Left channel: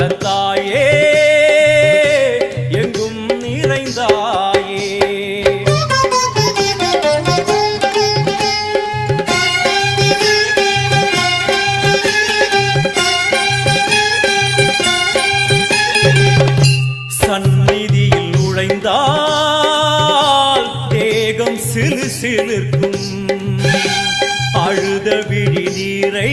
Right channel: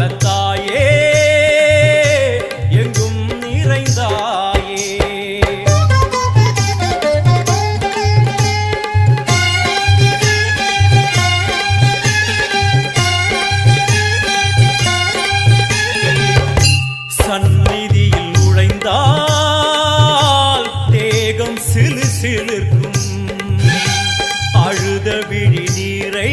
எல்லாம் தாயே எங்கும் நிறைந்தாயே. சந்நிதியில் நுழைந்தால் தேகம் சிறு சிலிர்க்கும். அழுத விழி நீரை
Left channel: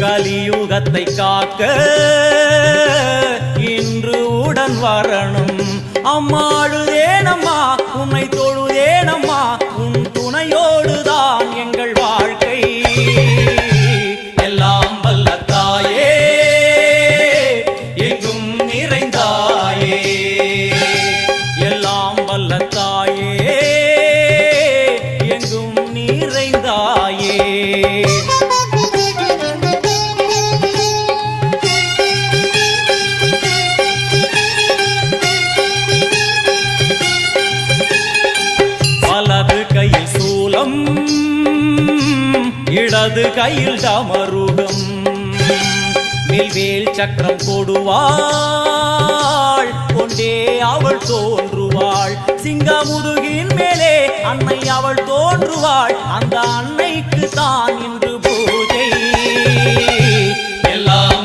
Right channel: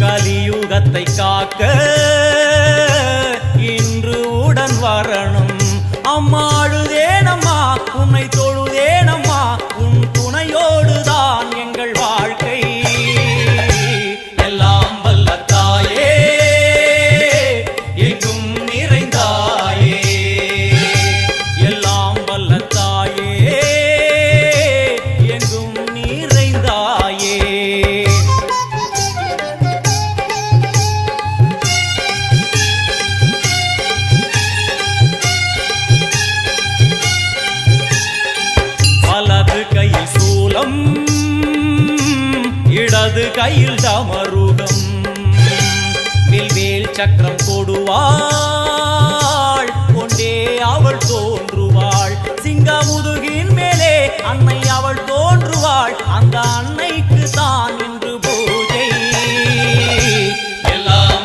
கலியுகத்தை காக்க இன்று உடன் வரணும். அம்மாழுதேனம்மா உன்னை தொழுதேனம்மா உன் துணையோடுதான் எங்கள் வாழ்க்கை. எல்லாம் வல்ல தாயே எங்கும் நிறைந்தாயே. எல்லாம் வல்ல சூலம் இடது கையில் டமருகம் மில்வேல் சக்கரம் கொடுவாள் கொண்டே அவள் தோன்றுவாள். சிங்க முதுகின் மேலே அன்னை அவள் தோன்றுவாள். அந்த அன்னைக்கு தான் இன்று பூஜை. எல்லாம்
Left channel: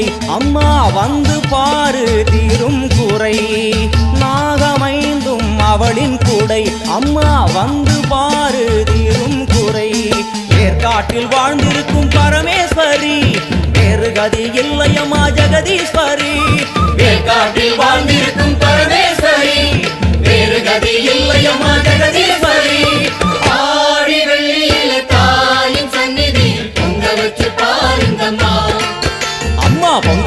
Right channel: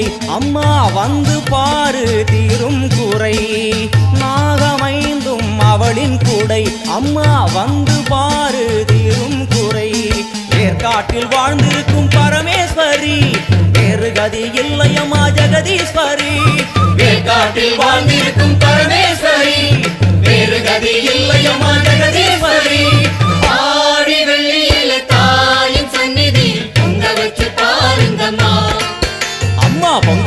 இல்லை அம்மா வந்து பாரு தீரும் குறை. நாகமைந்தும் அவளின் கூடை. அம்மா வந்து பாரு தீரும் குறை. ஏற்காட்டில் வாழ்ந்திருக்கும் பரமேஸ்வரி. வேறு கதி இல்லையம்மா ஜெகதீஸ்வரி. வேற்காட்டில் வாழ்ந்திருக்கும் பரமேஸ்வரி. வேறு கதி